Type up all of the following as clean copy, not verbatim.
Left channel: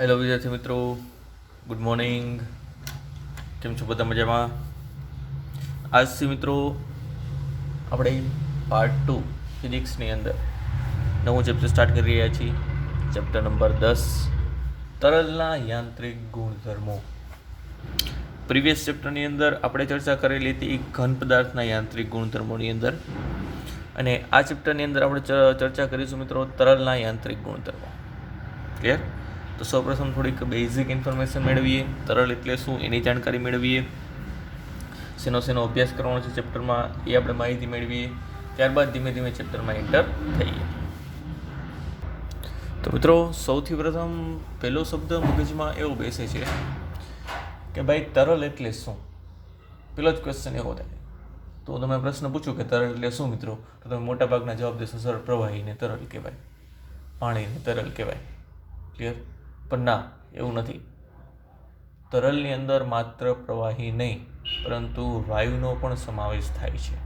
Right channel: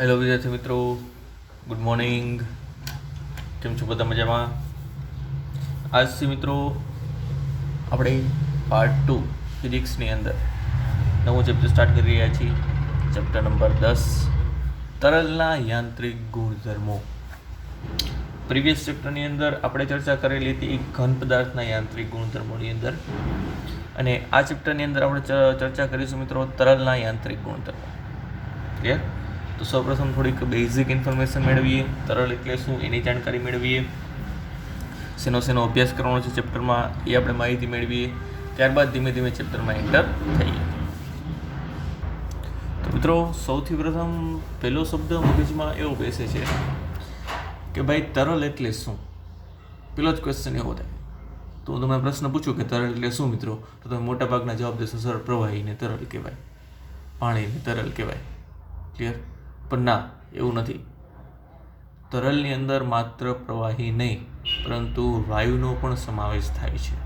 Hello વિદ્યાર્થી મિત્રો, good morning. કેમ છો બધા? મજામાં? આજથી મિત્રો આપણે પાર્ટ 2 ફિઝિક્સની અંદર નવું ચેપ્ટર સ્ટાર્ટ કરી રહ્યા છીએ. ચેપ્ટર નંબર 10, તરલના યાંત્રિક ગુણધર્મો. પ્રીવિયસ ચેપ્ટરની અંદર આપણે ચર્ચા કરેલી હતી ઘન પદાર્થના યાંત્રિક ગુણધર્મોની અંદર, અને આ ચેપ્ટરની અંદર આપણે ચર્ચા કરીશું મિત્રો તરલના યાંત્રિક ગુણધર્મો. ક્લિયર? તો સૌપ્રથમ થોડીક બેઝિક ઇન્ફોર્મેશન મેળવીએ, તરલ એટલે શું એની જાણકારી મેળવીએ, શેનો અભ્યાસ કરવાનો છે ચેપ્ટરમાં એ આપણે માહિતી મેળવીએ, ત્યારબાદ ધીમે ધીમે ચેપ્ટરમાં એન્ટર થઈએ. તો મિત્રો સૌથી પ્રથમ પહેલો શબ્દ મગજમાં એવો બેસે છે કે ભાઈ તરલ એટલે શું. પેલો જ ક્વેશ્ચન એવો થાય. તો તમે પ્રશ્ન પૂછું કે તરલ એટલે શું મિત્રો, તો તમે મોટાભાગના જવાબ દેશો સર પ્રવાહીને તરલ કહેવાય, પાણીને તરલ કહેવાય. ક્લિયર? પણ ના, એવું નથી. તરલની અંદર માત્ર પ્રવાહી નહીં પરંતુ વાયુનો પણ સમાવેશ થાય છે.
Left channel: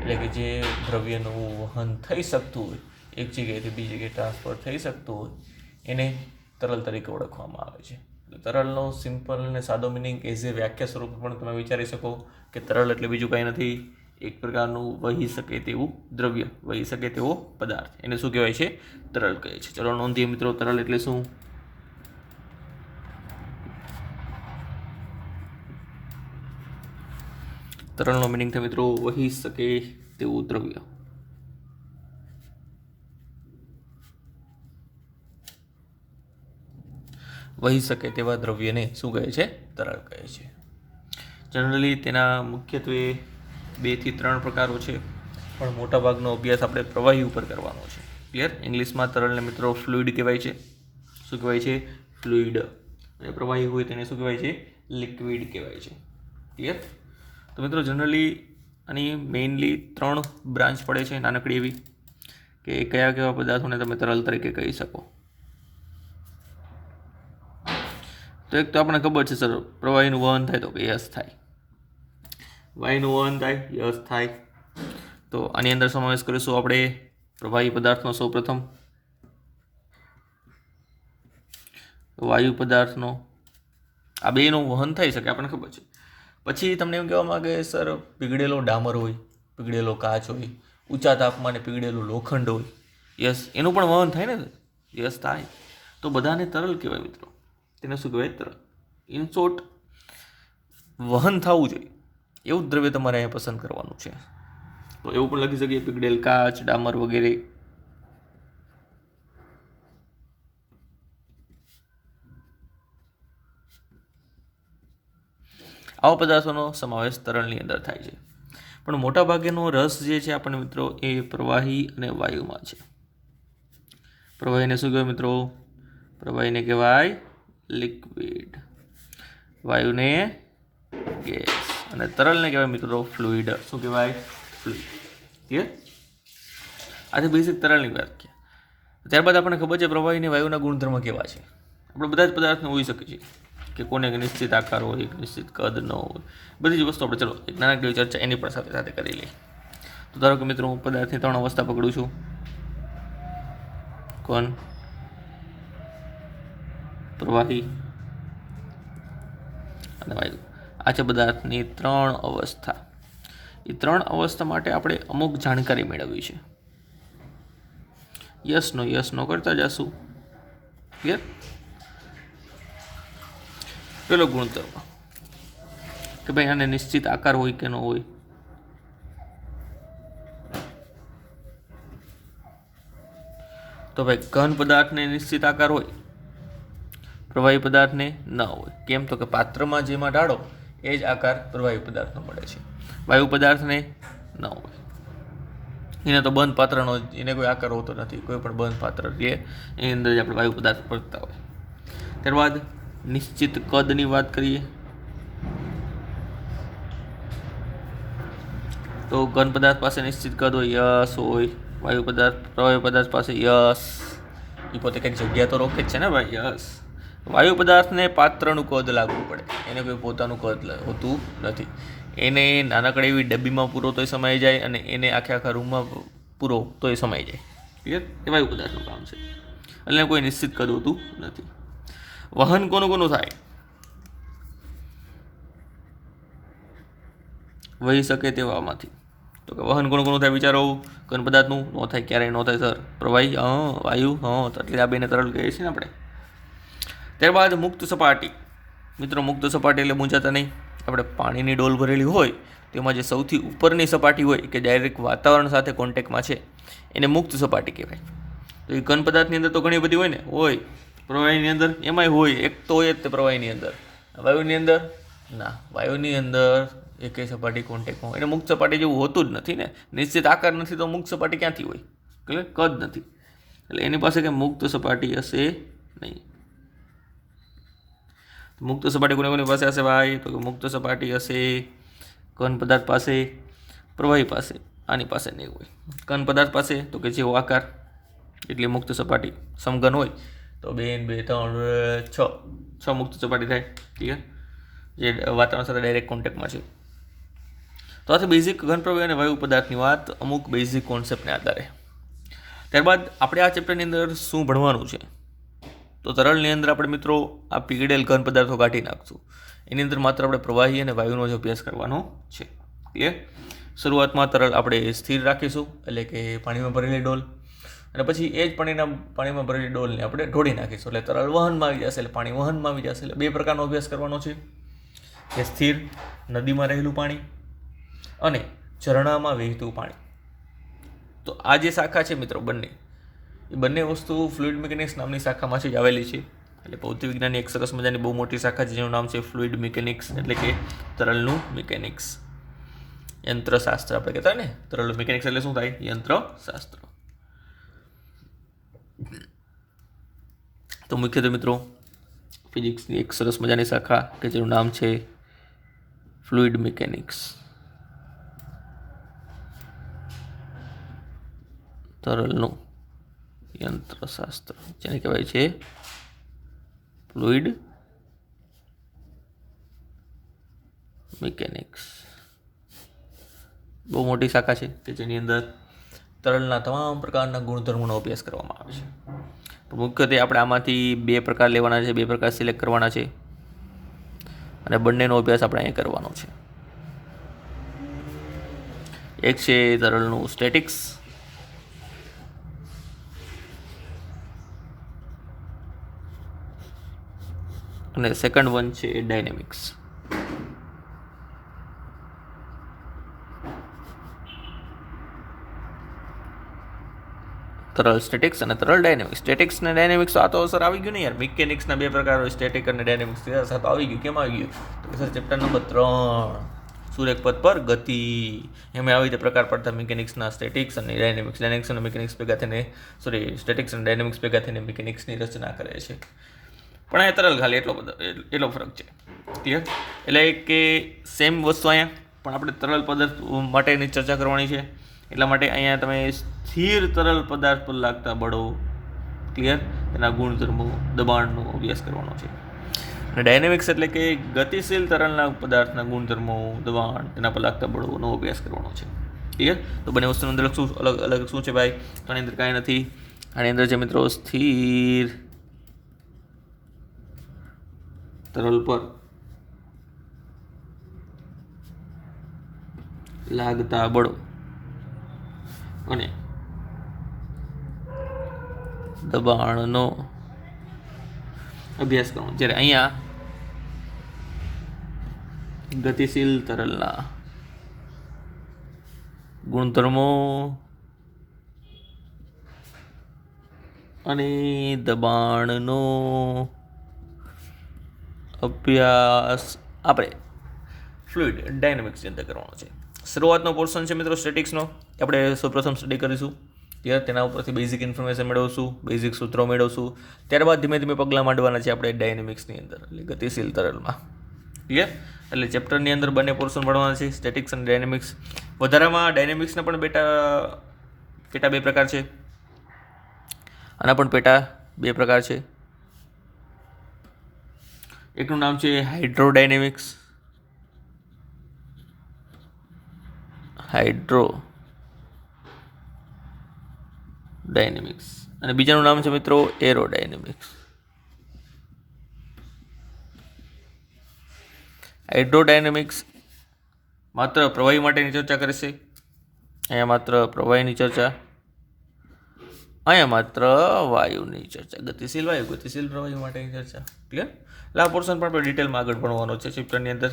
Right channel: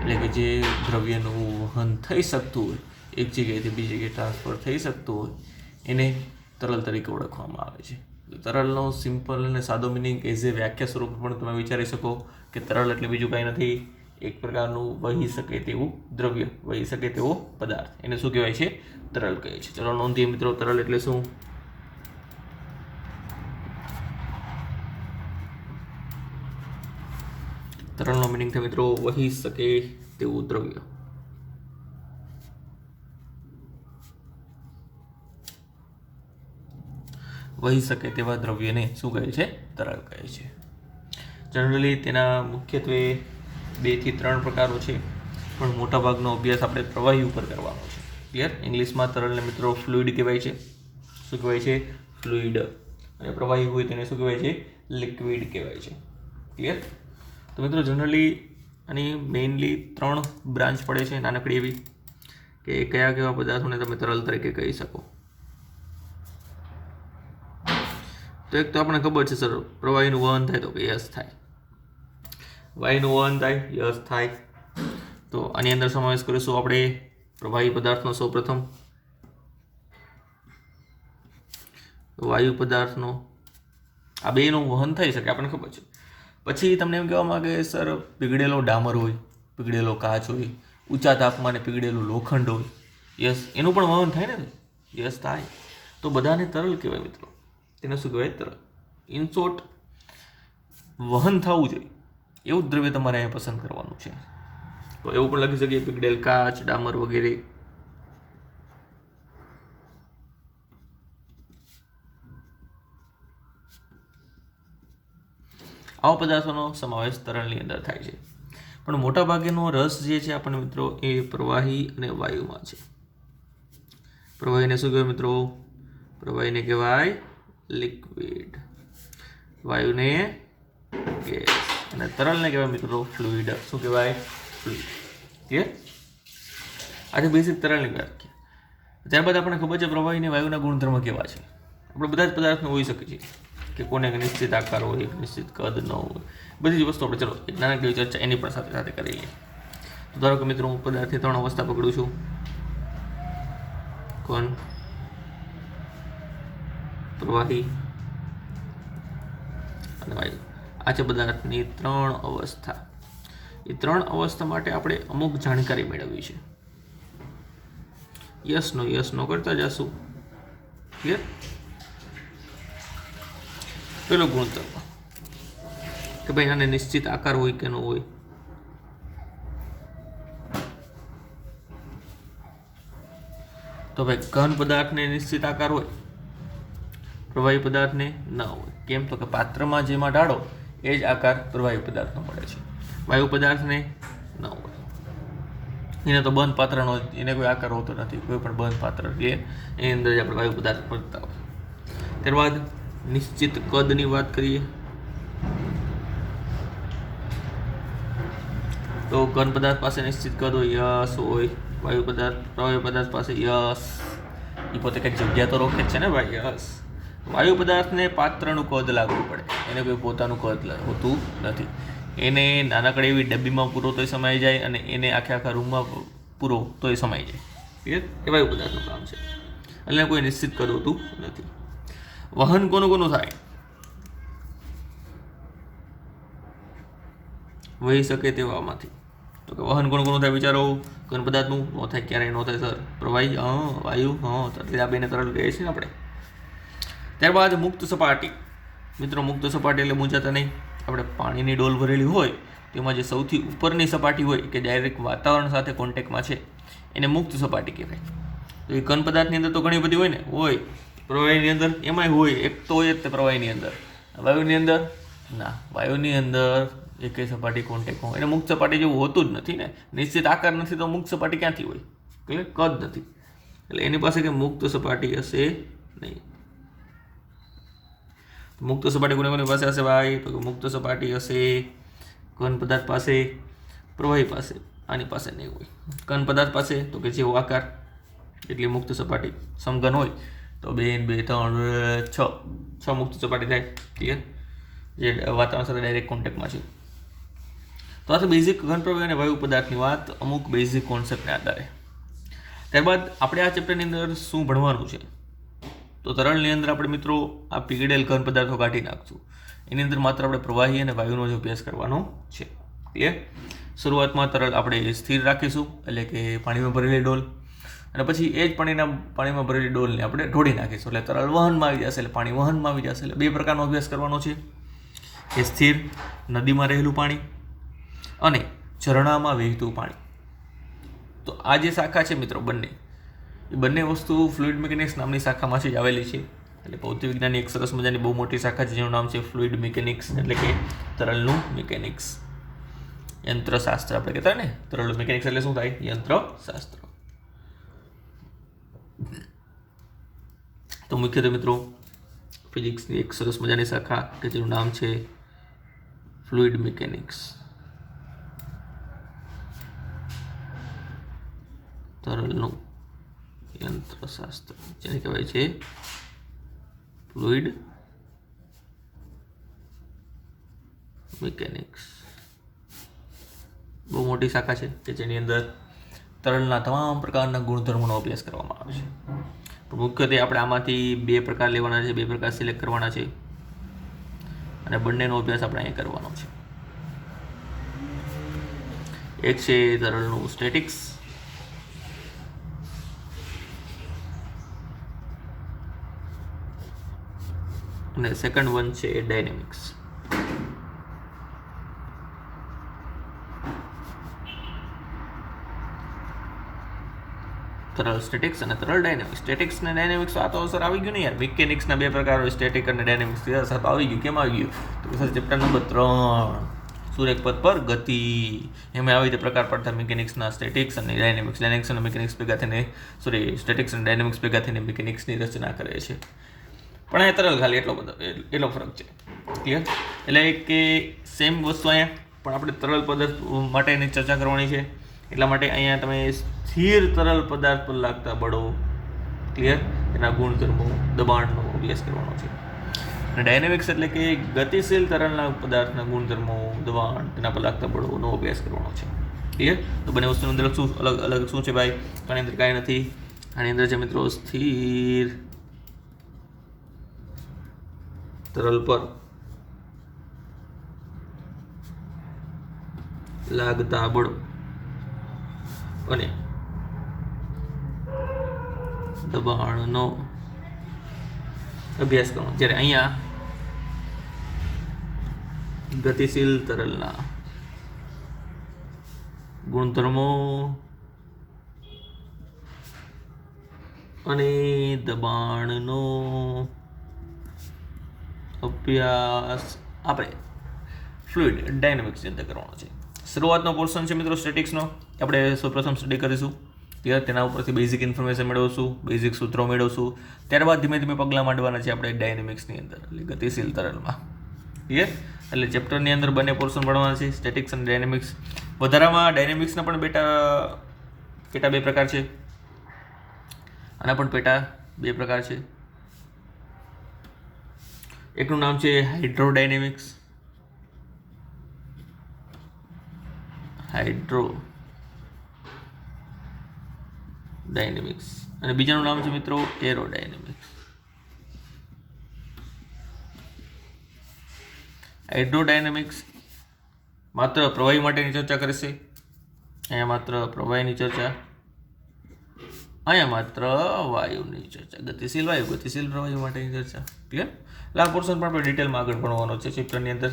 એટલે કે જે દ્રવ્યનું વહન થઈ શકતું હોય, એક જગ્યાએથી બીજી જગ્યાએ ટ્રાન્સફર થઈ શકતું હોય, એને તરલ તરીકે ઓળખવામાં આવે છે. તરલનો સિમ્પલ અને સાદો મિનિંગ એઝ એ વ્યાખ્યા સ્વરૂપે પણ તમે વિચારી શકો કે તરલ એટલે બીજું કાંઈ નથી, એક પ્રકારનું વહી શકે તેવું દ્રવ્ય, વહી શકે તેવો પદાર્થ, એને શું કહેવાય છે? તરલ કહે છે. ચલો નોંધીએ મિત્રો, તરલ એટલે શું. તરલનો મિનિંગ છે મિત્રો વહી શકે તેવું દ્રવ્ય. વહી શકે તેવા દ્રવ્યને શું કહે છે? તરલ કહે છે. જનરલી તેના મુખ્યત્વે 2 થી 3 પ્રકારો છે, પણ મોટાભાગનો અભ્યાસ આપણે પ્રવાહી ઉપર કરવાનો છે. ક્લિયર? ઇંગ્લિશમાં તરલને મિત્રો ફ્લુઇડ કહેવાય છે. શું કહેવાય છે? ફ્લુઇડ. અને પ્રવાહી હોય તેને શું કહેવાય છે? લિક્વિડ કહેવાય છે. ક્લિયર? તો મિત્રો જનરલી આની મેઇનલી 3 બ્રાન્ચ પડે છે, નાનકડી એવી, કે કયા કયા પદાર્થોને તમે તરલ તરીકે કહી શકો. તો એક તો આપણને ખબર છે સર, પ્રવાહીનું વહન થાય તો યસ થાય, વાયુનું વહન થાય યસ થાય. તો આની અંદર સમાવેશ કરીશું આપણે પ્રવાહી પદાર્થનો. સૌપ્રથમ વાયુ પદાર્થનો, આ બેનું વહન થઈ શકે આપણને ખબર છે. પછી તમને એમ કહેવા માંગે સર પીગળેલો ડામર હોય, પીગળેલો કાચ હોય, ઊંચા તાપમાને પીગળેલું લોખંડ હોય, યસ એનું પણ વહન થાય ને? યસ થાય. તો બધાને તરલ કહેવાય મિત્રો. તેને શું કહેવાય? તરલ. ઇન શોર્ટ, વહન થવું જોઈએ એવું જ દ્રવ્ય તમારે અહીંયા પસંદ કરવાનું છે. તો એવું પણ લખી શકીએ પીગળેલ કાચ, ડામર વગેરે. આવા પદાર્થોનો સમાવેશ તરલની અંદર થાય છે. પણ મોટા ભાગેનો રસ જે છે આપણને મિત્રો એ પ્રવાહી અને વાયુમાં છે. પ્રવાહીને શું કહેવાય મિત્રો? પ્રવાહીને કહેવાય લિક્વિડ, વાયુને ગેસ, અને તરલને કહેવાય મિત્રો ફ્લુઇડ. શું કહેવાય? ફ્લુઇડ. ક્લિયર? આજે બેઝિક તરલની વાત કરીએ. ત્યારબાદ આપણને ખબર છે પ્રવાહીને વાયુના ગુણધર્મ કેવા છે. આપણે બધા જ પદાર્થનો હોઈ શકે છે કે કોને નિશ્ચિત આકાર હોય, નિશ્ચિત કદ ન હોય, બધી જ વસ્તુ આપણે ચલો એક નાનકડી ચર્ચા એની પણ સાથે સાથે કરી લઈએ. તો ધારો કે મિત્રો હું પદાર્થની 3 અવસ્થા પકડું છું. કોણ? પ્રવાહી અને વાયુ. આ છે પદાર્થની 3 અવસ્થા. એ 3 અવસ્થા માટે આપણે અમુક જાણકારી મેળવવી છે. યસ નો કરતા જશું. ક્લિયર? પેલો ગુણધર્મ કે ભાઈ આને નિશ્ચિત આકાર હોય કે ન હોય. તો ભાઈ ઘન પદાર્થને નિશ્ચિત આકાર હોય, પ્રવાહી પદાર્થને ન હોય. કેમ? તો કે પાત્રમાં જેમાં ઢાળો એ જ આકાર પ્રવાહી પદાર્થનો મળે છે. વાયુ પદાર્થને ન હોય, એને તો બંધ પાત્રનો, એને કોઈ આકાર હોતો નથી. કોઈ પણ બંધ પાત્ર લે એની અંદર જ આપણે વાયુ પદાર્થ પડતા હોય. ત્યારબાદ નિશ્ચિત કદની વાત કરીએ તો ઘન પદાર્થ પાસે નિશ્ચિત કદ હોય, યસ હોય. વાયુ પદાર્થ, પ્રવાહી પદાર્થ પાસે યસ, એ પોતે કંઈક જગ્યા તો રોકે જ છે ને ભાઈ, યસ. વાયુ પદાર્થને પાત્રનું કદ લાગવું પડે, એને કોઈ પોતાનું કદ હોતું નથી. એને નાનકડી એવી ડબ્બીમાં પૂરો તોય સમાઈ જાય, અને એને આખા રૂમમાં પૂરો તોય સમાઈ જાય. ક્લિયર? એ વાયુ પદાર્થનું કામ છે. એટલે કોઈ નિશ્ચિત કદ હોતું નથી. વહન કોનું કોનું થાય? વહી શકે તેવામાંથી. તો કે વહન કોનું કોનું થાય વિચારો? ઘન પદાર્થનું ન થાય, ક્યારેય ન થાય સર. પ્રવાહી વાયુ એટલે આ બેને તરલ કહીએ છીએ ને આપણે. ત્યારબાદ મુક્ત સપાટી. મિત્રો મુક્ત સપાટી એટલે મૂંઝાતા નહીં. આપણે પાણીની ડોલ ભરેલી હોય તેમાં જે સૌથી ઉપરની સપાટી હોય કે ડાયરેક્ટ વાતાવરણ સાથે કોન્ટેક્ટમાં છે એને મુક્ત સપાટી કહેવાય. તો એ ઘન પદાર્થની અંદર તો ઘણી બધી હોય ને, હોય પ્રવાહીની અંદર એમાંય હોય, એક તો હોય જ તે પ્રવાહીની અંદર. વાયુની અંદર ના, વાયુની અંદર એકે સપાટી કોન્ટેક્ટમાં હોય. એને મુક્ત સપાટી જેવું હોતું જ નથી ને, નિશ્ચિત આકાર નથી તો મુક્ત સપાટી ક્યાંથી હોય? એટલે કદ નથી, એટલે એની પાસે કે મુક્ત સપાટી હશે નહીં. મુક્ત સપાટી કોની પાસે હશે ભાઈ? તો મુક્ત સપાટી હશે ઘન પદાર્થ પાસે, પ્રવાહી પાસે, આની પાસે નહીં હોય. ઘન પદાર્થ પાસે તો કે જેવો આકાર એટલી મુક્ત સપાટી. સમઘન હોય તો 2, 2, 3, 6 મુક્ત સપાટી થાય. ક્લિયર? જે વાતાવરણ સાથે ડાયરેક્ટ કોન્ટેક્ટમાં છે. તો આ બેઝિક ઘન પ્રવાહી અને વાયુ પદાર્થની વાત અમુક બેઝિક કોન્સેપ્ટને આધારે. ત્યારબાદ આપણે આ ચેપ્ટરની અંદર શું ભણવાનું છે? તો તરલની અંદર આપણે મિત્રો આ પીગળેલ ઘન પદાર્થો કાઢી નાખશું. એની અંદર માત્ર આપણે પ્રવાહી અને વાયુનો જ અભ્યાસ કરવાનો છે. ક્લિયર? શરૂઆતમાં તરલ આપણે સ્થિર રાખીશું, એટલે કે પાણીમાં ભરેલી ડોલ, અને પછી એ જ પાણીમાં ભરેલી ડોલને આપણે ઢોળી નાખીશું, એટલે તરલ વહનમાં આવી જશે, એટલે પાણી વહનમાં આવી જશે. એટલે બે પ્રકારનો અભ્યાસ કરવાનો છે, કે સ્થિર નદીમાં રહેલું પાણી અને ઝરણામાં વહેતું પાણી. તો આ જે શાખા છે મિત્રો બંને, એ બંને વસ્તુ ફ્લુઇડ મિકેનિક્સ નામની શાખામાંથી જ આવેલી છે. એટલે ભૌતિક વિજ્ઞાનની એક સરસ મજાની બહુ મોટી શાખા છે જેનું નામ છે ફ્લુઇડ મિકેનિક્સ, એટલે કે તરલનું મિકેનિક્સ, યંત્રશાસ્ત્ર આપણે કહેતા હોય ને. તરલનું મિકેનિક્સ એટલે શું થાય? યંત્રશાસ્ત્ર. તો મુખ્યત્વે મિત્રો ફિઝિક્સની એક સરસ મજાની શાખા કે જેનું નામ છે ફ્લુઇડ મિકેનિક્સ, તરલનું યંત્રશાસ્ત્ર, જેને કહેવાય છે ફ્લુઇડ મિકેનિક્સ. બહુ મોટી શાખા છે કે જેની અંદર તરલના તમામ પ્રકારના ગુણધર્મોનો અભ્યાસ કરવામાં આવે છે. મુખ્યત્વે આપણે આમાંથી બે પ્રકાર લેવાના છે, બે પ્રકાર સિલેક્ટ કરવાના છે, અને બંનેનો અભ્યાસ આપણે અહીં કરવાનો છે. એક છે તરલનું સ્ટેટિક્સ, અને સેકન્ડ વન છે ડાયનેમિક્સ. તરલ સ્ટેટિક્સ અને તરલ ડાયનેમિક્સ. સ્ટેટિક્સ અને ડાયનેમિક્સ આ તો સર આવી ગયું ને યાર. મિકેનિક્સના બે પ્રકાર હોય, સ્ટેટિક અને ડાયનેમિક્સ. સાહેબ આવી ગયું. કેમ આવી ગયું? તો સર ચેપ્ટર નંબર 3 સુરેખ પથ પર ગતિ, એમાં આવી રીતે પ્રકાર પડતા મિકેનિક્સના સ્ટેટિક્સ અને ડાયનેમિક્સ. ડાયનેમિક્સ અને મિકેનિક્સ ભેગા થઈને સ્ટેટિક્સ અને ડાયનેમિક્સ ભેગા થઈને મિકેનિક્સની રચના કરે છે. પણ અહીંયા તરલ ખાલી એટલો ફરક છે. ક્લિયર? એટલે કે સેમ વસ્તુ અહીંયા, પણ આપણે તરલ પદાર્થ માટેની ચર્ચા કરવાની છે. એટલા માટે અહીંયા તમે સ્થિર તરલ પદાર્થ પર લાગતા બળો, ક્લિયર, એના ગુણધર્મો, દબાણનો અભ્યાસ કરવાનો છે. અને ડાયનેમિક્સ એટલે કે ગતિશીલ તરલના પદાર્થના ગુણધર્મો, દબાણ, તેના પર લાગતા બળોનો અભ્યાસ કરવાનો છે. ક્લિયર? તો બંને વસ્તુની અંદર શું અલગ શું છે ભાઈ? આની અંદર કાંઈ નથી. આની અંદર છે મિત્રો સ્થિર તરલ પર લાગતા બળો અને દબાણનો અભ્યાસ કરવાનો. જ્યારે અહીંયા ગતિશીલ તરલના ગુણધર્મો અને દબાણનો અભ્યાસ આપણે ફ્લુઇડ ડાયનેમિક્સની અંદર કરવાનો છે. શરૂઆતનો પોર્શન છે મિત્રો સ્ટેટિક્સનો, આપણે સૌપ્રથમ સ્ટડી કરીશું. ત્યારે તેના ઉપરથી બેઝિક ઇન્ફોર્મેશન મેળવશું, બેઝિક સૂત્રો મેળવશું. ત્યારબાદ ધીમે ધીમે પગલાં માંડવાના છે આપણે ડાયનેમિક્સની અંદર, એટલે ગતિશીલ તરલમાં. ક્લિયર? એટલે ચેપ્ટરની અંદર બંને પોર્શન ભણવાના છે, સ્ટેટિક્સ અને ડાયનેમિક્સ. વધારામાં ડાયનેમિક્સના પણ પેટા બે પ્રકાર છે, આના પણ પેટા બે પ્રકાર છે. એકનું નામ છે હાઇડ્રોડાયનેમિક્સ, અને બીજાનું નામ છે મિત્રો એરોડાયનેમિક્સ. હાઇડ્રોડાયનેમિક્સ માત્ર પ્રવાહી માટેની ચર્ચા કરશે, અહીંયા માત્ર પ્રવાહીની ચર્ચા, અહીંયા માત્ર વાયુની ચર્ચા, ગતિશીલ વાયુ, ગતિશીલ પ્રવાહી માટેની ચર્ચા. ક્લિયર? એટલે આ પોર્શન પણ આપણે ડિટેલમાં આગળ ભણવાનો છે ચેપ્ટરની અંદર.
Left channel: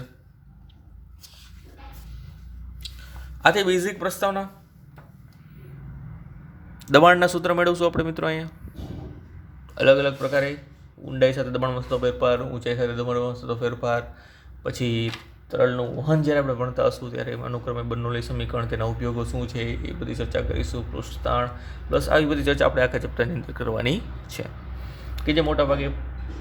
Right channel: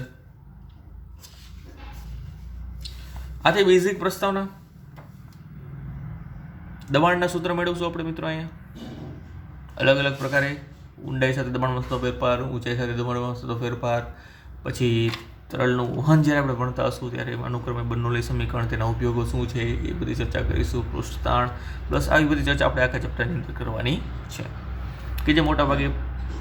આથી બેઝિક પ્રસ્તાવના, દબાણના સૂત્ર મેળવશું આપણે મિત્રો. અહીંયા અલગ અલગ પ્રકારે ઊંડાઈ સાથે દબાણમાં થતો ફેરફાર, ઊંચાઈ સાથે દબાણમાં થતો ફેરફાર, પછી તરલનું વહન જ્યારે આપણે ભણતા હશું ત્યારે અનુક્રમે બર્નોલી સમીકરણ, તેના ઉપયોગો શું છે એ બધી ચર્ચા કરીશું. પૃષ્ઠતાણ પ્લસ આવી બધી ચર્ચા આપણે આખા ચેપ્ટરની અંદર કરવાની છે, કે જે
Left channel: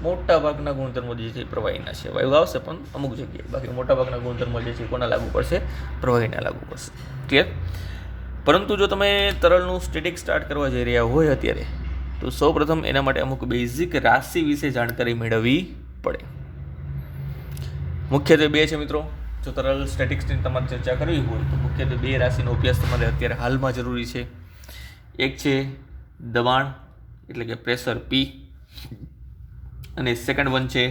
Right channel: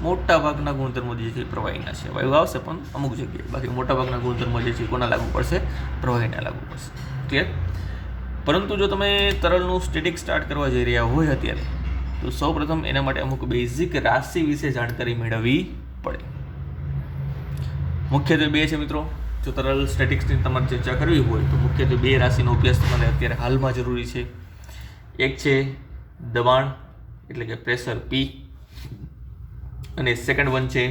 મોટાભાગના ગુણધર્મો જે છે પ્રવાહીના છે. વાયુ આવશે પણ અમુક જગ્યાએ, બાકી મોટાભાગના ગુણધર્મો જે છે કોના લાગુ પડશે? પ્રવાહીને લાગુ પડશે. ક્લિયર? પરંતુ જો તમે તરલનું સ્ટેટિક સ્ટાર્ટ કરવા જઈ રહ્યા હોય અત્યારે, તો સૌપ્રથમ એના માટે અમુક બેઝિક રાશિ વિશે જાણકારી મેળવવી પડે. મુખ્યત્વે બે છે મિત્રો. જો તરલ સ્ટેટિક્સની તમારે ચર્ચા કરવી હોય તો મુખ્યત્વે બે રાશિનો અભ્યાસ તમારે અત્યારે હાલમાં જરૂરી છે. એક છે દબાણ એટલે કે પ્રેશર P, અને સેકન્ડ વન છે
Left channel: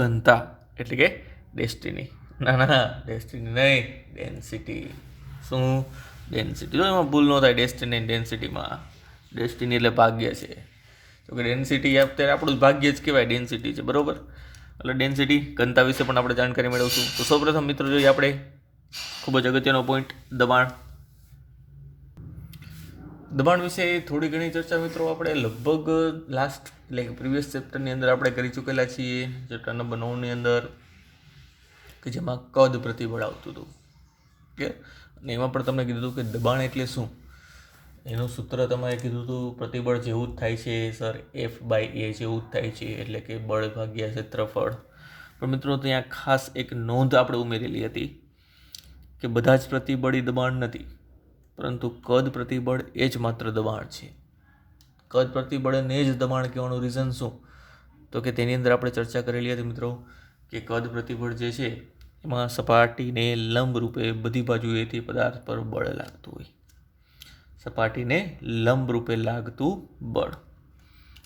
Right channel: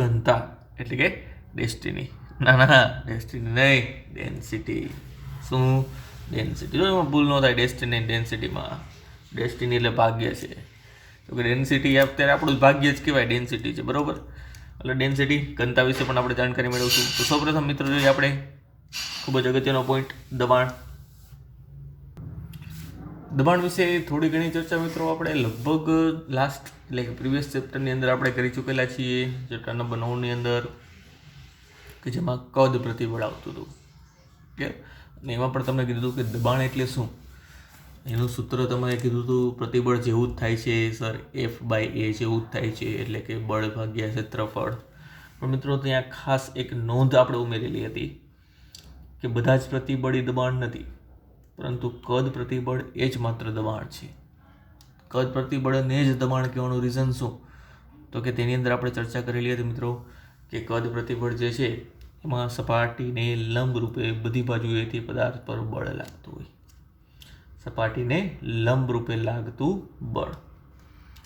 ઘનતા એટલે કે ડેન્સિટી. ડેન્સિટી નહીં, ડેન્સિટી. શું? ડેન્સિટી. જો એમાં ભૂલ ન થાય ડેસ્ટિની ડેન્સિટીમાં. ડેસ્ટિની એટલે ભાગ્ય છે, તો કે ડેન્સિટી અત્યારે આપણું ભાગ્ય જ કહેવાય, ડેન્સિટી છે, બરાબર? એટલે ડેન્સિટી, ઘનતા વિશે પણ આપણે જાણકારી મેળવશું. તો સૌપ્રથમ મિત્રો જોઈએ આપણે ખૂબ જ અગત્યનો પોઈન્ટ, દબાણ. દબાણ વિશે થોડી ઘણી ચર્ચા મિત્રો આપણે લગભગ લાસ્ટ એટલે કે પ્રીવિયસ ચેપ્ટરની અંદર આપણે કરી ચૂકેલા છીએ, ચેપ્ટર નંબર 9ની અંદર, કે જેમાં કદ પ્રતિબળ આવતું હતું. કે અને એમાં પણ તમને કીધું હતું કે દબાણ એટલે શું, એનું સૂત્ર તમે કીધું હતું પ્રતિબળ જેવું જ થાય છે સર, F/A જેવું જ થાય છે, એટલે કે બળ ભાગ્યા ક્ષેત્રફળ. પણ મિત્રો ત્યાં ખાસ એક નોંધ આપણે ઉમેરેલી હતી કે બધા જ પ્રતિબળ એ દબાણ નથી, પરંતુ કદ પ્રતિબળ એ જ માત્ર દબાણ છે. કદ પ્રતિબળને જ દબાણ કહેવાનું રીઝન શું? તો કે તેની અંદર આપણે ચર્ચા કરેલી હતી મિત્રો કે કદ પ્રતિબળ જે છે એમાં સપાટીને લંબ રૂપે બધી બાજુએથી પદાર્થ પર બળ લાગતું હોય. સપાટીને લંબ રૂપે લાગતું બળ.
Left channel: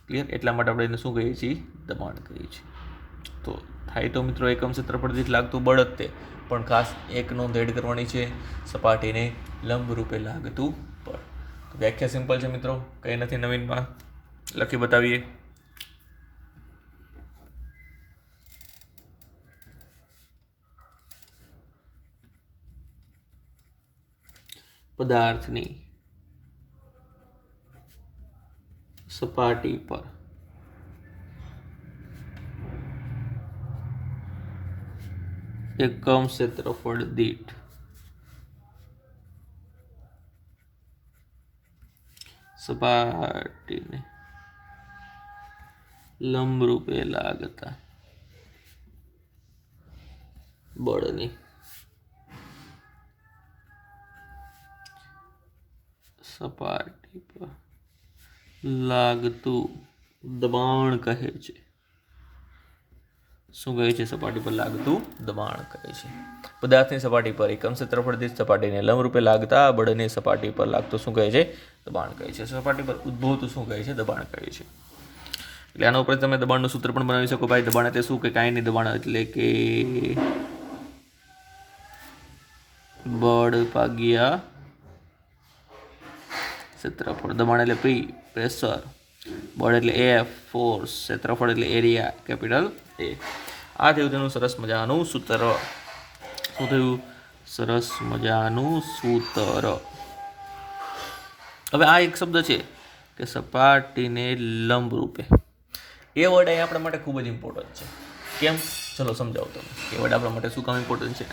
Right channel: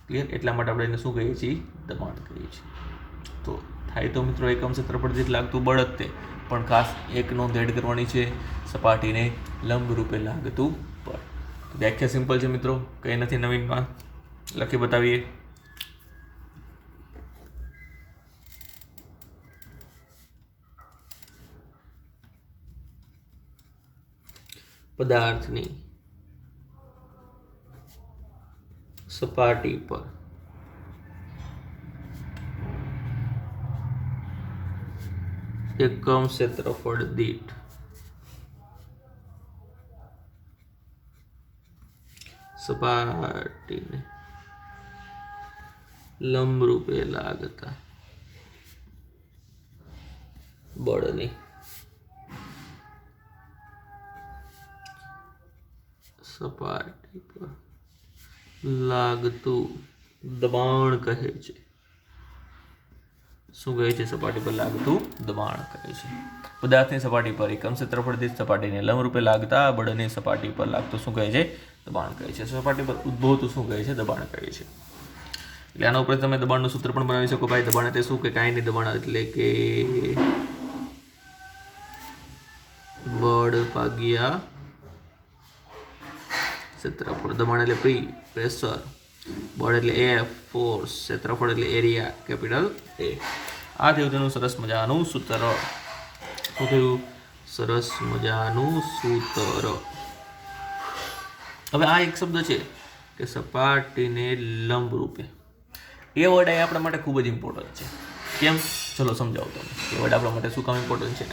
ક્લિયર? એટલા માટે આપણે એને શું કહીએ છીએ? દબાણ કહીએ છીએ. તો થાય તો મિત્રો એકમ ક્ષેત્રફળ દીઠ લાગતું બળ જ તે, પણ ખાસ એક નોંધ એડ કરવાની છે, સપાટીને લંબ રૂપે લાગતું બળ. વ્યાખ્યા સિમ્પલ છે મિત્રો, કંઈ નથી નવીનમાં, લખી બતાવીએ. પદાર્થની સપાટી પર એકમ ક્ષેત્રફળ દીઠ સપાટીને લંબરૂપે લાગતા બળની સપાટી પર લાગતું દબાણ કહે છે. શું કહે છે? સપાટી પર લાગતું દબાણ કહે છે. પદાર્થની સપાટી પર એકમ ક્ષેત્રફળ દીઠ સપાટીને લંબરૂપે લાગતા બળની સપાટી પર લાગતું શું કહે છે? દબાણ કહે છે. સપાટી પર ઉદ્ભવતું શું કહે છે? દબાણ કહે છે. એટલે આના ઉપર તમે દબાણનું સૂત્ર પણ બનાવી શકો. ભાઈ દબાણ એટલે શું? કે કાંઈ નહીં, દબાણ એટલે કે બળ ભાગ્યા ક્ષેત્રફળ. દબાણ એટલે P, પ્રેશર. બળ એટલે F, ફોર્સ. ક્ષેત્રફળ એટલે એરિયા, કેપિટલ A. આ થયું તેનું સરસ મજાનું સૂત્ર. શું થયું? સરસ મજાનું સૂત્ર. હવે આ એક શબ્દ છે કે સપાટીને લંબ રૂપે. એ વર્ડ અહીં આપણા માટે ખૂબ જ ઇમ્પોર્ટન્ટ છે. કેમ? ચલો સમજાવો તમે. એ વર્ડ આપણા માટે શું કામ ઇમ્પોર્ટન્ટ છે?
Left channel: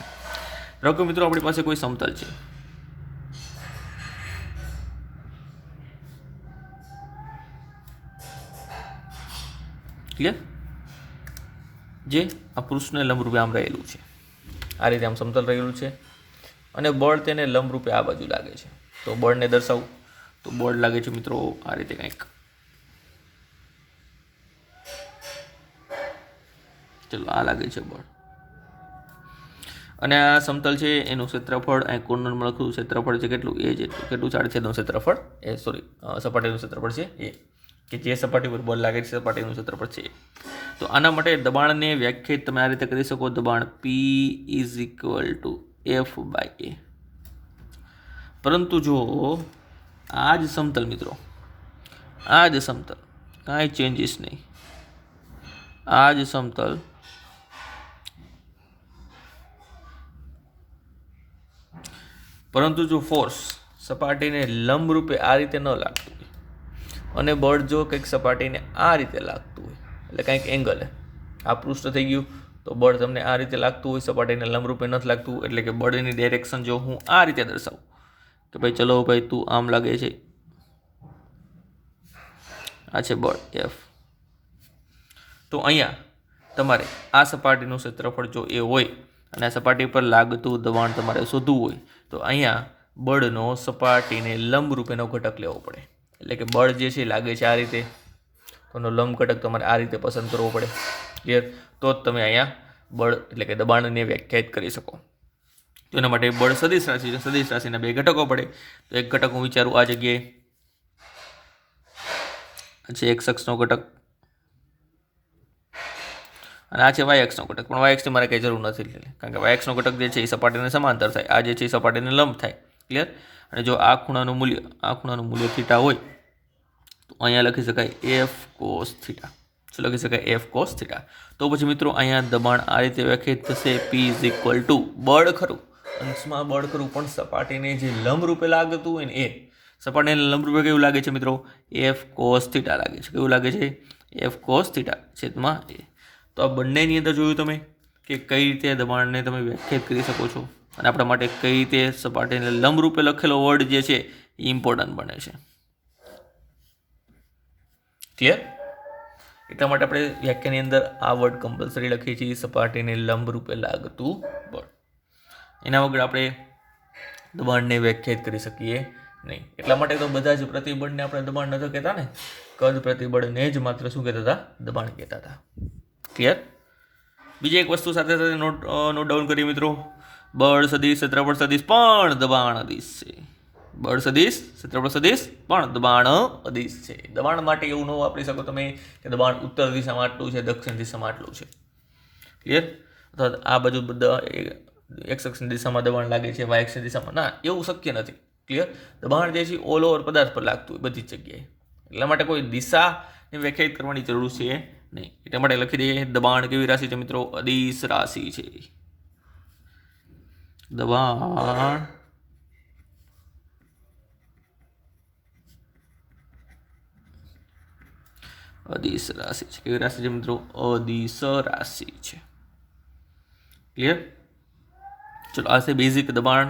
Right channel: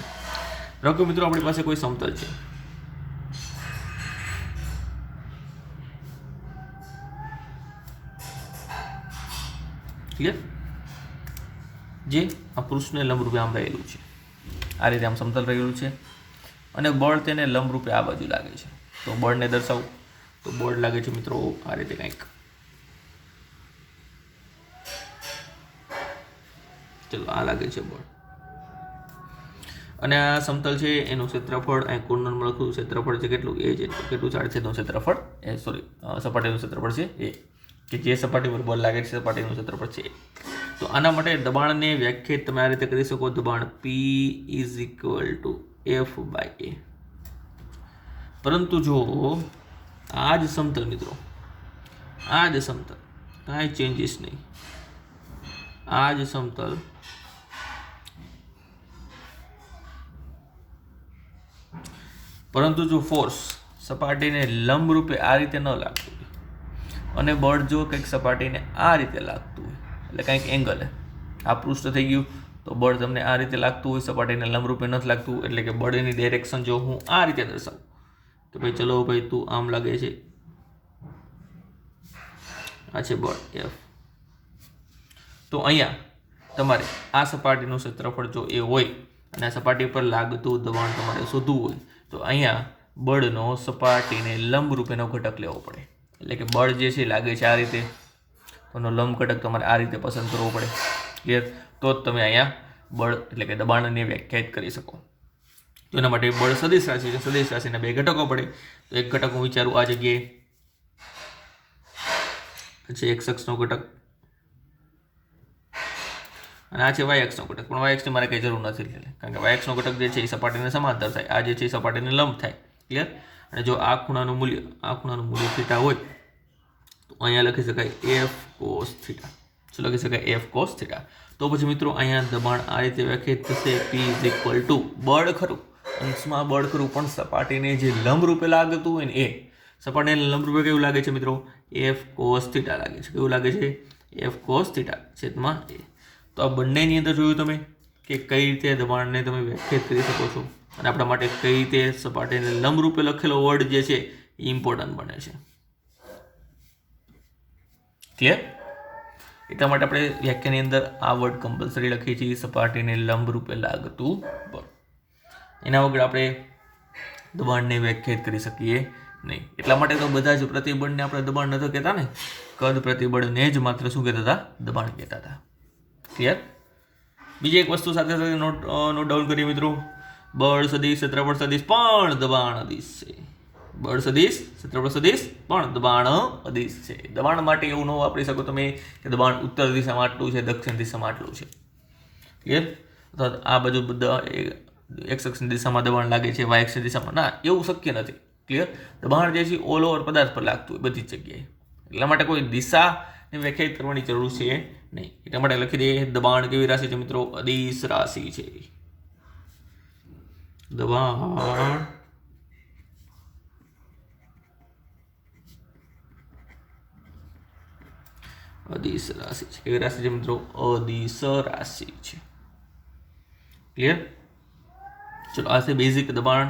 રાખો મિત્રો, આપણી પાસે કોઈ સમતલ છે, ક્લિયર? જે આ પુરુષને લંબરૂપે આમ રહેલું છે, આ રીતે આમ સમતલ રહેલું છે, અને બળ તેને લંબરૂપે આ બાજુ લાગે છે. તો બળને દર્શાવું તો બળ લાગે છે મિત્રો આ રીતે કંઈક. ચલો આ લાગે છે બળ, અને આ સમતલ છે, એનું ક્ષેત્રફળ અહીં કોર્નરમાં લખું ક્ષેત્રફળ છે કેટલું? એ છે. કેટલું છેદનું ક્ષેત્રફળ? એ સપાટીનું ક્ષેત્રફળ છે એ, કે જે સપાટી પર બળ લાગે છે સપાટીનું ક્ષેત્રફળ છે. તો તો આના માટે દબાણને વ્યાખ્યાયિત તમે આ રીતે કરી શકો, દબાણ P is equal to F/A. પરંતુ જો આ જ સમતલ મિત્રો, આ જ સમતલ, કાંઈ ચેન્જીસ નહીં, આ જ સમતલ પરંતુ જો ફોર્સ સપાટીને લંબ રૂપે આ રીતે ન લાગતું હોય અને બળ જો કંઈક સપાટીને આ રીતે લાગતું હોય, એટલે કંઈક એંગલ, આ પૃષ્ઠ થઈ ગયું, તો બળ તમને આ રીતે લાગતું હોય, સપાટીને લંબ રૂપે નથી લાગતું, એટલે કે બળની ડાયરેક્શન જો હું આ રીતે દર્શાવું કે ભાઈ ચલો ભાઈ તું આમ લાગે છે, આ છે બળ F, તો અહીંયા તમારે આ સપાટીનું ક્ષેત્રફળ જો એ હોય અને આ સપાટી પર લાગતું દબાણ તમારે શોધવું હોય, તો અહીંયા બળનો સપાટીને લંબ રૂપેનો ઘટક લેવો પડે. એટલે કે બળ જે છે લાગે છે આ રીતે, તો એનો લંબ ઘટક તમારે આ રીતે પસંદ કરવો પડે. ક્લિયર? તો જ તમે અહીંયા બળ એટલે કે દબાણને વ્યાખ્યાયિત કરી શકો. તો એના માટે બળ સદિશ રાશિ છે, સદિશ રાશિના બે ઘટકો પડે. તો એક ઘટક હું વિચારું આ જગ્યાએ છે x અક્ષનો ઘટક અને આ છે y અક્ષનો ઘટક, પણ y અક્ષની મારે કંઈ જરૂર નથી, કારણ કે y અક્ષનો ઘટક જે છે એ સપાટીને સમાંતર થાય, આ જે છે એ સપાટીને લંબ થાય. ક્લિયર? અને જો આ ખૂણાનું મૂલ્ય થીટા હોય તો અહીંયા લખી શકાય f cos થીટા. શું લખી શકાય? f cos theta. તો પછી મિત્રો અહીંયા દબાણ આ રીતે વ્યાખ્યાયિત થશે, P ઇઝ ઇક્વલ ટુ બળ ખરું, અંશમાં બળ ખરું, પણ સપાટીને જે લંબ રૂપે લાગતું હોય ને એ સપાટીને લંબ રૂપે કેવું લાગે છે મિત્રો? f cos થીટા લાગે છે. કેવું લાગે છે? f cos થીટા છેદમાં a. તો આ બંનેની અંદર જોયું તમે કે કઈ રીતે દબાણને તમે વ્યાખ્યાયિત કરી શકો છો, અને આપણા માટે કઈ રીતે સપાટીને લંબ રૂપે લખેલો વર્ડ જે છે એ ઇમ્પોર્ટન્ટ બને છે. ક્લિયર? એટલા માટે આપણે વ્યાખ્યાની અંદર આ વર્ડ કમ્પલસરી લખીએ છીએ, સપાટીને લંબ રૂપે લાગતું બળ. એના વગર આપણે દબાણને વ્યાખ્યાયિત કરી શકીએ નહીં. એટલા માટે તો બધા જ પ્રતિબળને આપણે દબાણ નહોતા કહેતા ને, કદ પ્રતિબળને જ માત્ર શું કહેતા હતા? દબાણ કહેતા હતા. ક્લિયર? બીજી એક વસ્તુ સાથે સાથે નોટ ડાઉન કરી મિત્રો, બળ સદિશ, ક્ષેત્રફળ સદિશ પણ દબાણ અદિશ છે. બળ સદિશ, ક્ષેત્રફળ સદિશ પણ દબાણ અદિશ છે. દબાણ માટે એવું ન વાપરી શકો તમે કે દબાણ ઉત્તર દિશામાં આટલું છે, દક્ષિણ દિશામાં આટલું છે. ક્લિયર? અથવા આ બાજુ બધા x અક્ષની દિશામાં દબાણ લાગે છે, y અક્ષની દિશામાં, ના, એવું શક્ય નથી. ક્લિયર? દબાણ જે છે ઓલ ઓવર પદાર્થ પર લાગતું હોય બધી જ જગ્યાએ. એટલા માટે કોઈ દિશાને વ્યાખ્યાયિત કરવાની જરૂર છે નહીં. એટલા માટે લખી દઈએ દબાણ કેવી રાશિ છે મિત્રો? અદિશ રાશિ છે. દબાણ અદિશ રાશિ છે. કેવી રાશિ છે મિત્રો? અદિશ રાશિ છે. ક્લિયર? ચલો, આ છે બેઝિક દબાણ,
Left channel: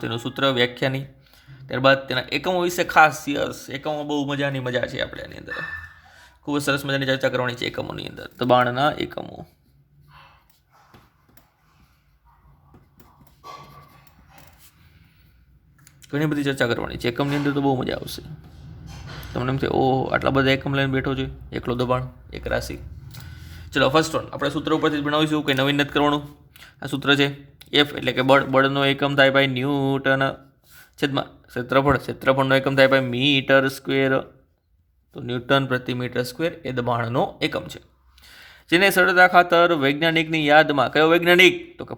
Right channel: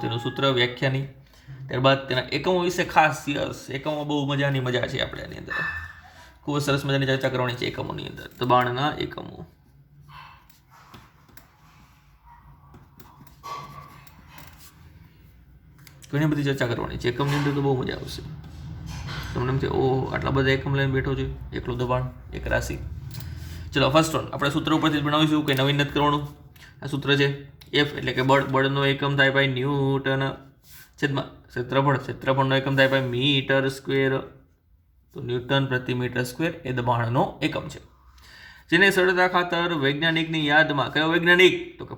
તેનું સૂત્ર, વ્યાખ્યાની. ત્યારબાદ તેના એકમો વિશે ખાસ એકમો બહુ મજાની મજા છે આપણે એની અંદર, ખૂબ સરસ મજાની ચર્ચા કરવાની છે એકમોની અંદર. દબાણના એકમો ઘણી બધી ચર્ચા કરવાની છે એકમની અંદર, તો બહુ મજા આવશે તમને. એમ થાય ઓહો આટલા બધા એકમ લઈને બેઠો છે, એકલો દબાણ, એક રાશિ. ચલો, ફર્સ્ટ વન આપણે સૂત્ર ઉપરથી જ બનાવીશું, કંઈ નવીન નથી કરવાનું. આ સૂત્ર છે F એટલે કે બળનો એકમ થાય ભાઈ ન્યૂટન છેદમાં ક્ષેત્રફળનો એકમ થાય ભાઈ મીટર સ્ક્વેર, તો ન્યૂટન પ્રતિ મીટર સ્ક્વેર એ દબાણનો એકમ છે. જેને સરળતા ખાતર વૈજ્ઞાનિકની યાદમાં, કયો વૈજ્ઞાનિક? તો કે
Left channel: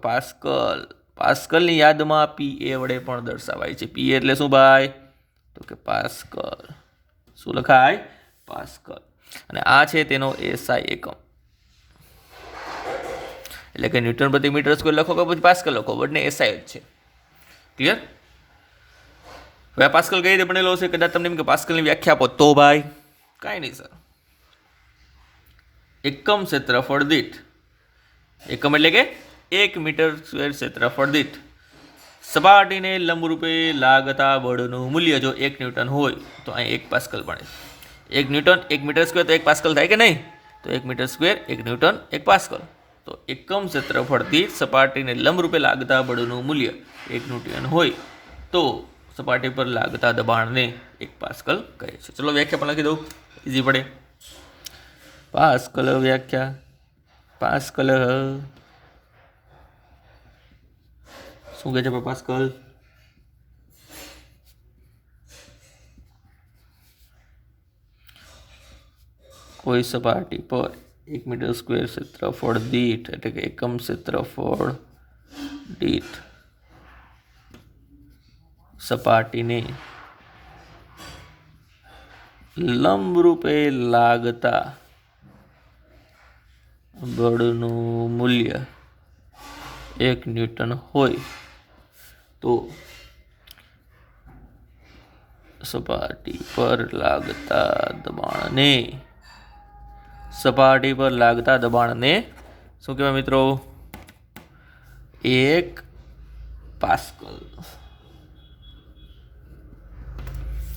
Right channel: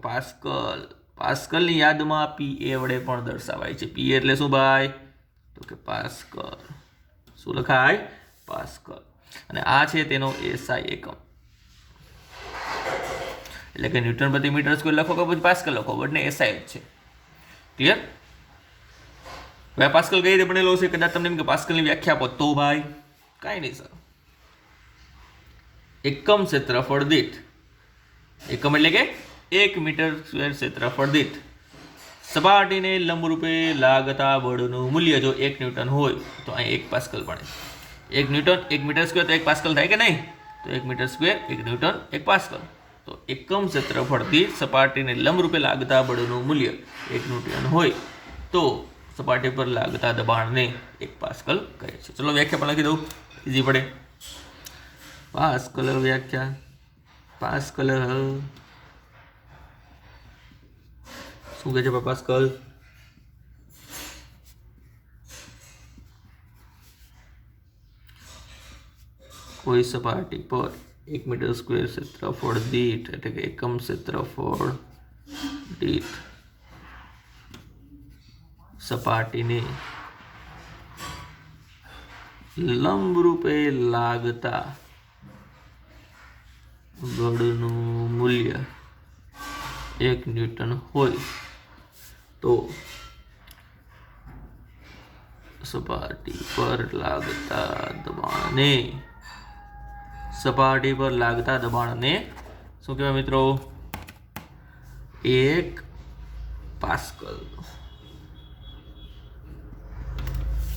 પાસ્કલની યાદમાં PA વડે પણ દર્શાવાય છે. PA એટલે શું ભાઈ? તો કે પાસ્કલ. શું લખાય? પાસ્કલ. અને આ છે તેનો SI એકમ, એટલે કે ન્યૂટન પ્રતિ મીટર સ્ક્વેર લખો કે પછી પાસ્કલ લખો, બંને SI જ છે. ક્લિયર? હવે પાસ્કલ કઈ રીતે બનેલો છે? કદાચ તમને એમ કે પાસ્કલની વ્યાખ્યા આપો, તો ભાઈ કાંઈ નહીં સર, એકમ ક્ષેત્રફળ દીઠ, એકમ એટલે કે 1 મીટર સ્ક્વેર ક્ષેત્રફળ દીઠ સપાટીને લંબરૂપે લાગતા બળનું મૂલ્ય જો 1 ન્યૂટન હોય તો અહીં 1 પાસ્કલ બને. 1 ન્યૂટન 1 મીટર સ્ક્વેર તો 1 પાસ્કલ થાય કે નહીં? તો 1 મીટર સ્ક્વેર 1 ન્યૂટન 1 પાસ્કલ. તો એકમ ક્ષેત્રફળથી સપાટીને લંબરૂપે લાગતા બળનું મૂલ્ય 1 ન્યૂટન હોય તો સપાટી પર લાગતા દબાણને 1 પાસ્કલ કહે છે. ચલો વ્યાખ્યા પણ લખી દઉં, ઇઝી પડે. પાસ્કલ વ્યાખ્યા, પાસ્કલ શું કહે છે પાસ્કલ? કોઈ સપાટી પર 1 મીટર સ્ક્વેર ક્ષેત્રફળ દીઠ એટલે કે એકમ ક્ષેત્રફળ દીઠ સપાટીને લંબરૂપે લાગતા બળનું મૂલ્ય 1 ન્યૂટન હોય તો સપાટી પર લાગતા દબાણને શું કહેવાય મિત્રો? 1 પાસ્કલ.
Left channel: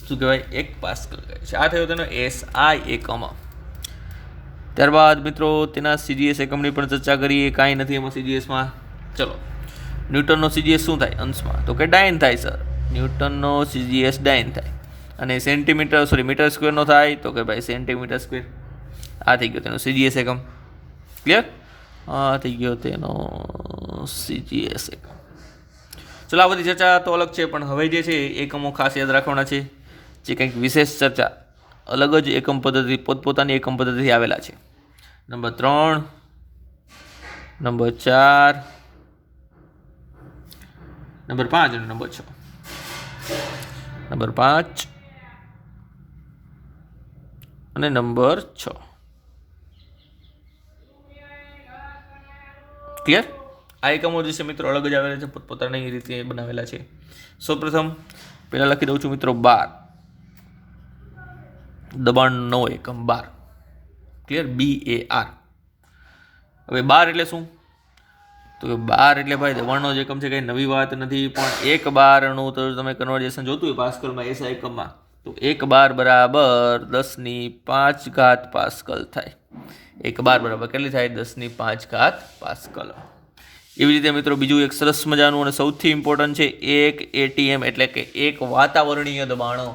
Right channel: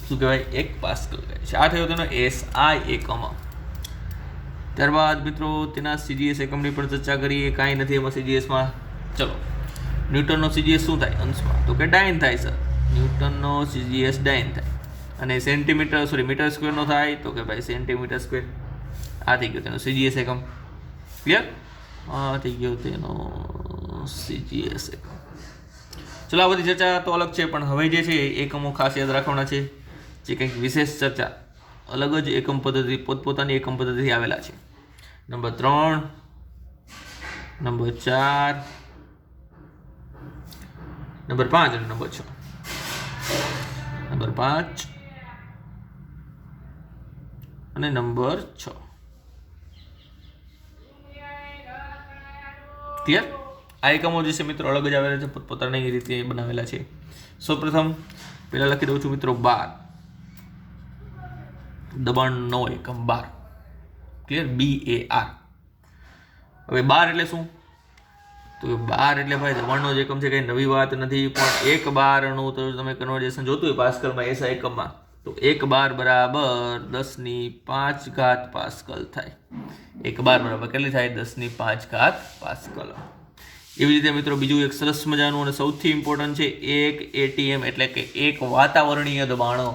શું કહેવાય? 1 પાસ્કલ કહે છે. આ થયો તેનો SI એકમ. ત્યારબાદ મિત્રો તેના CGS એકમની પણ ચર્ચા કરીએ. કાંઈ નથી એમાં CGSમાં. ચલો, ન્યૂટનનો CGS શું થાય અંશમાં? તો કે ડાયન થાય સર. ન્યૂટનનો CGS ડાયન થાય. અને મીટર સ્ક્વેરનો થાય તો કે ભાઈ સેન્ટીમીટર સ્ક્વેર. આ થઈ ગયો તેનો CGS એકમ. ક્લિયર? આ થઈ ગયો તેનો CGS એકમ. ચલો, આ બધી ચર્ચા તો અલગ છે, પણ હવે જે છે એકમો ખાસ યાદ રાખવાના છે. જે કંઈક વિશેષ ચર્ચા અલગ જ એકમ પદ્ધતિ, પોતપોતાની એકમ પદ્ધતિથી આવેલા છે. નંબર 3, નંબર 4, નંબર 5 અને નંબર 6. નંબર 5 અને નંબર 6. ક્લિયર? આ એકમો જે છે મિત્રો અલગ જ આવેલા છે, પોતપોતાની રીતે બનાવેલા છે. સૌપ્રથમ પહેલાં લખી દઉં છું મિત્રો 12. દબાણનો એકમ 12. ક્લિયર? BAR. હવે 12 એટલે શું? તો 12 એટલે ભાઈ દબાણનો જ એકમ છે, કંઈ નવી વાત નથી. પણ 1 બારનું તો તમે કન્વર્જેશન જોતું હોય પાસ્કલમાં, SI એકમમાં, તો 1 બાર બરાબર 10⁵ પાસ્કલ થાય. 1 બાર બરાબર કેટલી થાય? 10⁵ પાસ્કલ. એવી રીતે મિત્રો બીજું એક સરસ મજાનું અને સૌથી ઇમ્પોર્ટન્ટ છે 1 ATM એટલે કે 1 વાતાવરણીય દબાણો.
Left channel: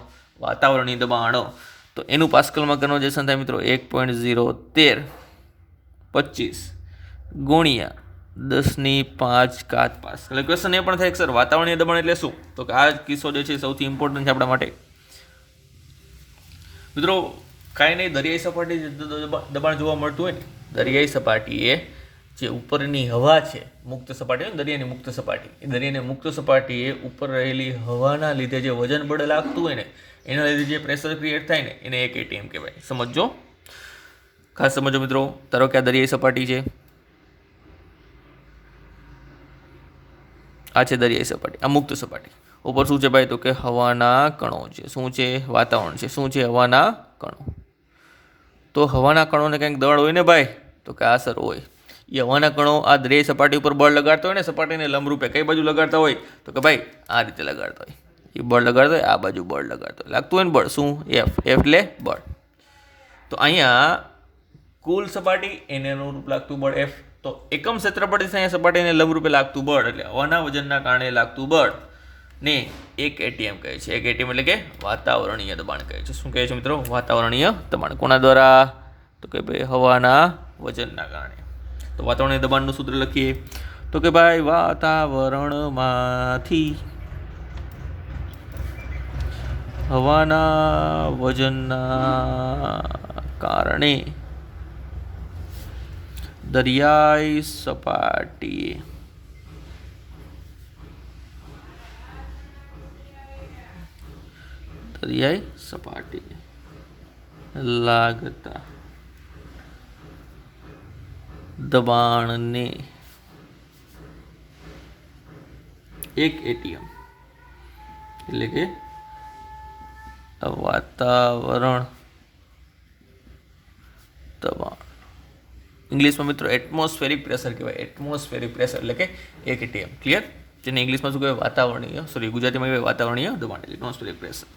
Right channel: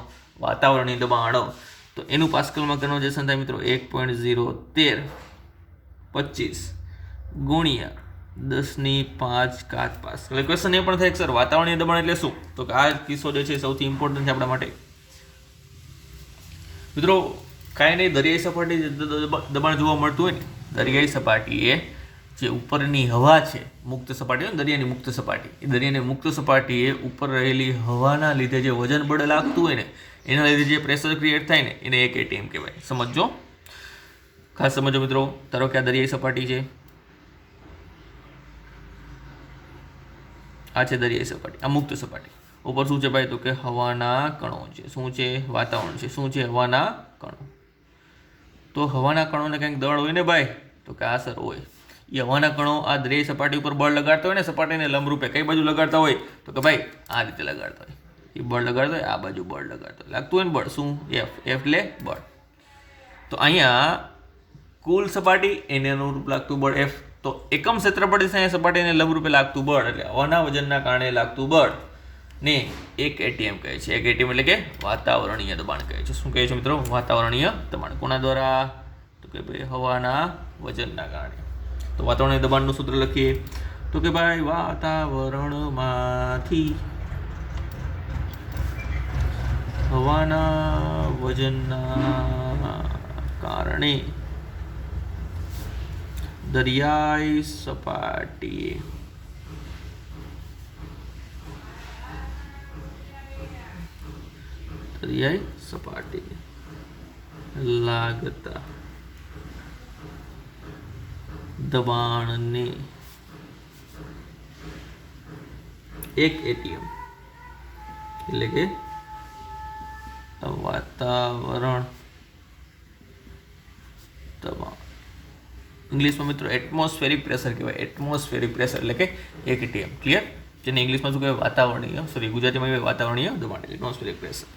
તો એનું પાસ્કલમાં કન્વર્જેશન થાય મિત્રો 1.01325 ગુણ્યા 10⁵ પાસ્કલ. ક્વેશ્ચન એ પણ થાય કે સર વાતાવરણીય દબાણ એટલે શું? તો કે આ કિસ્સો જે છે સૌથી ઇમ્પોર્ટન્ટ છે આપણા માટે. મિત્રો કાંઈ નહીં, દરિયાઈ સપાટી દબાણ જોવા મળતું હોય ને, દરિયાઈ સપાટીએ જે ઉપરની હવા છે, મુક્ત સપાટી હોય ને, દરિયાની મુક્ત સપાટી, એ દરિયાની મુક્ત સપાટીએ ઉપર રહેલી હવાના લીધે જે વજન બળ લાગતું હોય ને, એના લીધે જે પ્રેશર ક્રિએટ થાય ને, એને 1 ATM કહેવાય. સમજો, ખાસ સમજો મિત્રો. ધારો કે આ દરિયાઈ સપાટી છે, આ છે દરિયાઈ સપાટી, આ મુક્ત સપાટી. ઉપર શું છે ભાઈ? તો કે હવાના કણો છે. શું છે? વાતાવરણ છે. શું છે? હવાના કણો. તો હવાના કણોને કંઈક દળ હોય ને ભાઈ, તો કે આ સર હોય. એ હવાના કણો આ દરિયાઈ સપાટી ઉપર બળ લગાડતા હોય ને, સપાટીને લંબરૂપે કઈ બાજુ લગાડતા હોય? તો કે ભાઈ આ રીતે લગાડતા હોય. એ બળ લગાડતો હોય, આ બાજુ બળ લગાડતો હોય, લાગતું હોય ને બળ. શું? F એટલે બળ. તો અહીંયા કુલ સપાટી એને અનુરૂપ લાગતું બળ F. તો એકમ ક્ષેત્રફળ અહીંયા સપાટીને લંબરૂપે લાગતું બળ એટલે હવાના વજનના કારણે લાગતું બળ ને 1 ATM કહે છે. 1 ATM એટલે કે વાતાવરણીય દબાણ કહે છે. શું કહે છે મિત્રો? વાતાવરણીય દબાણ. કોના દ્વારા? તો કે ભાઈ હવાના વજનના કારણે. તો વાતાવરણીય દબાણનું સૂત્ર લખીએ તો કે ભાઈ વાતાવરણમાંથી હવાના વજનના કારણે દરિયાઈ સપાટીએ લાગતા દબાણને 1 ATM એટલે કે વાતાવરણ દબાણ. ઇંગ્લિશમાં મિત્રો એટમોસ્ફેરિક પ્રેશર કહેવાય. એટમોસ્ફેરિક પ્રેશર એટલે કે 1 ATM. ક્લિયર? જેને ઇંગ્લિશમાં શું કહેવાય? ગુજરાતીમાં કહેવાય વાતાવરણીય દબાણ એટલે એટમોસ્ફેરિક પ્રેશર.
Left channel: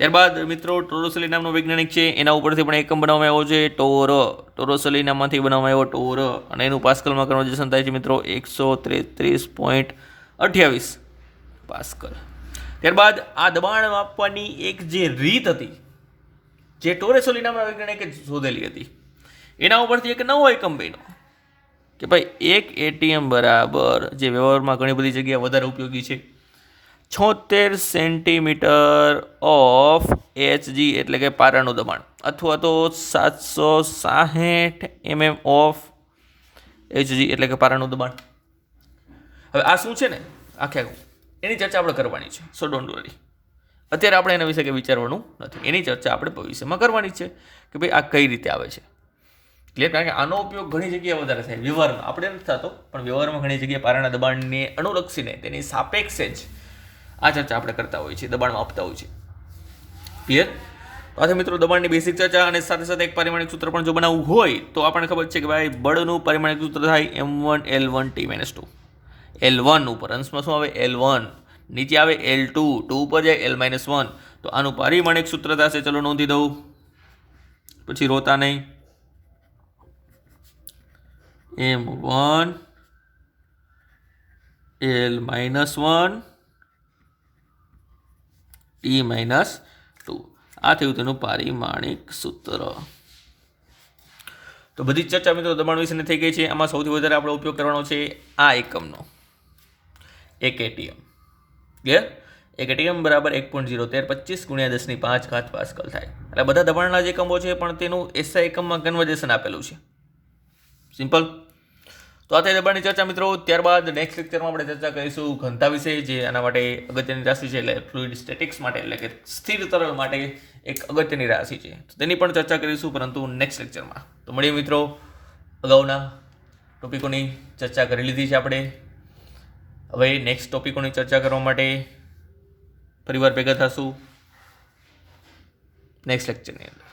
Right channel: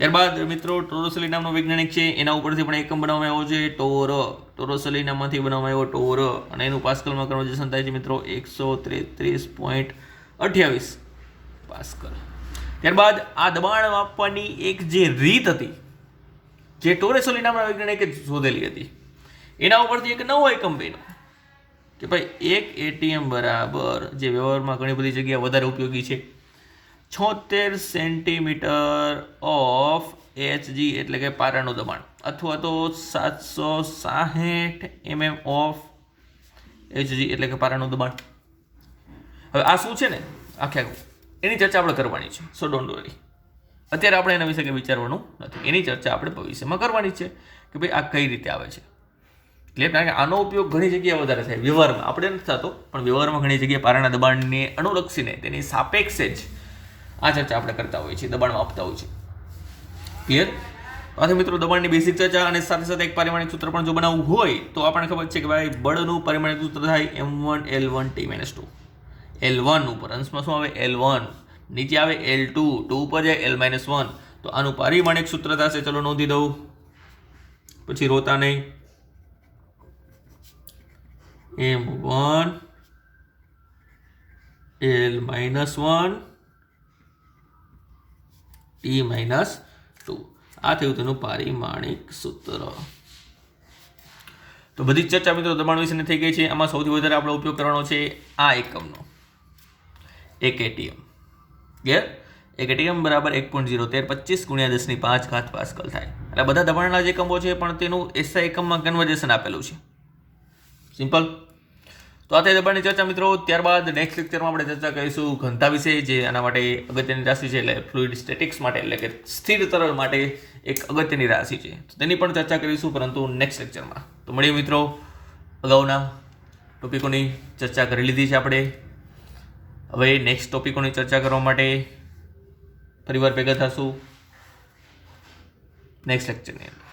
ત્યારબાદ મિત્રો ટોરોસેલી નામનો વૈજ્ઞાનિક છે, એના ઉપરથી પણ એકમ બનાવવામાં આવ્યો છે ટોરોસેલીનામાંથી બનાવવામાં આવ્યો ટોર, અને એનું પાસ્કલમાં કન્વર્જેશન થાય છે મિત્રો 133.28 પાસ્કલ. ત્યારબાદ આ દબાણ માપવાની એક જે રીત હતી, જે ટોરોસેલી નામના વૈજ્ઞાનિકે શોધેલી હતી, એના ઉપરથી એક નવો એકમ બન્યો કે ભાઈ 1 ATM બરાબર, જે વ્યવહારમાં ઘણી બધી જગ્યાએ વધારે ઉપયોગી છે, 76 સેન્ટીમીટર ઓફ HG એટલે કે પારાનું દબાણ. અથવા તો 760 mm ઓફ Hg એટલે કે પારાનું દબાણ. હવે આ શું છે ને આખે આખું એની ચર્ચા આપણે કરવાની છે. સો ડોન્ટ વરી, અત્યારે આપણે એના વિશે કંઈ વિચારવાનું નથી. એની ચર્ચા આપણે ભવિષ્યમાં કરવાની છે કે ભાઈ આ કઈ રીતે આવે છે. ક્લિયર? કારણ કે આનો ઉપયોગ ઘણી જગ્યાએ વધારે થાય વ્યવહારમાં. આપણે નથી થતો, પણ વ્યવહારમાં ઘણી જગ્યાએ પારાના દબાણને અનુલક્ષીને તેની સાપેક્ષે જ આ ચર્ચા આપણે કરતા હોઈએ છીએ, દબાણમાં આપતા હોઈએ છીએ. ક્લિયર? તો મિત્રો દબાણની બેસિક ચર્ચા અને સાથે સાથે એક પારિમાણિક સૂત્ર પણ જો બનાવવું હોય તો આપણને ખબર છે કે ભાઈ બળનું પરિમાણિક સૂત્ર થાય m1L1T-2. L1 ઉપર અંશમાં શું આવે? L1. નીચે આવે L2, 2 ઉપર જાય L-1. તો આનું પારિમાણિક સૂત્ર થશે, ચલો નોંધી દઉં, પછી રોતા નહીં. m1 L-1 T-2. આ થયું તેનું પારિમાણિક સૂત્ર. તો બધી જ ચર્ચા મિત્રો દબાણ વિશેની થઈ ગઈ છે. આમાં સૌથી વધારે આપણે ઉપયોગ કરવાનો છે આ એકમનો, 1 ATM. ક્લિયર? 1 ATM બરાબર 1.01325 × 10⁵ પાસ્કલ થાય. એટલે બધા દબાણના જ એકમો છે, પણ તેનું SI એકમમાં કન્વર્ઝેશન આપેલું છે. સિમ્પલ. તો આ થઈ દબાણની ચર્ચા મિત્રો. ત્યારબાદ નેક્સ્ટ લેક્ચરમાં આપણે ચર્ચા કરીશું ઘનતા વિશે, જે આના માટે અગત્યની રાશિ છે, એટલે ફ્લુઇડ સ્ટેટિક્સ માટે, એટલે કે સ્થિર તરલ માટે એક અગત્યની રાશિ છે. તો તેની પણ ચર્ચા કરીશું, પરંતુ નેક્સ્ટ લેક્ચરમાં. તો મળીએ મિત્રો. અગાઉના ટોપિકોની ચર્ચા કરી લીધી છે આપણે. હવે નેક્સ્ટ ટોપિકોની ચર્ચા કરવા માટે ફરીવાર ભેગા થશું નેક્સ્ટ લેક્ચરની અંદર.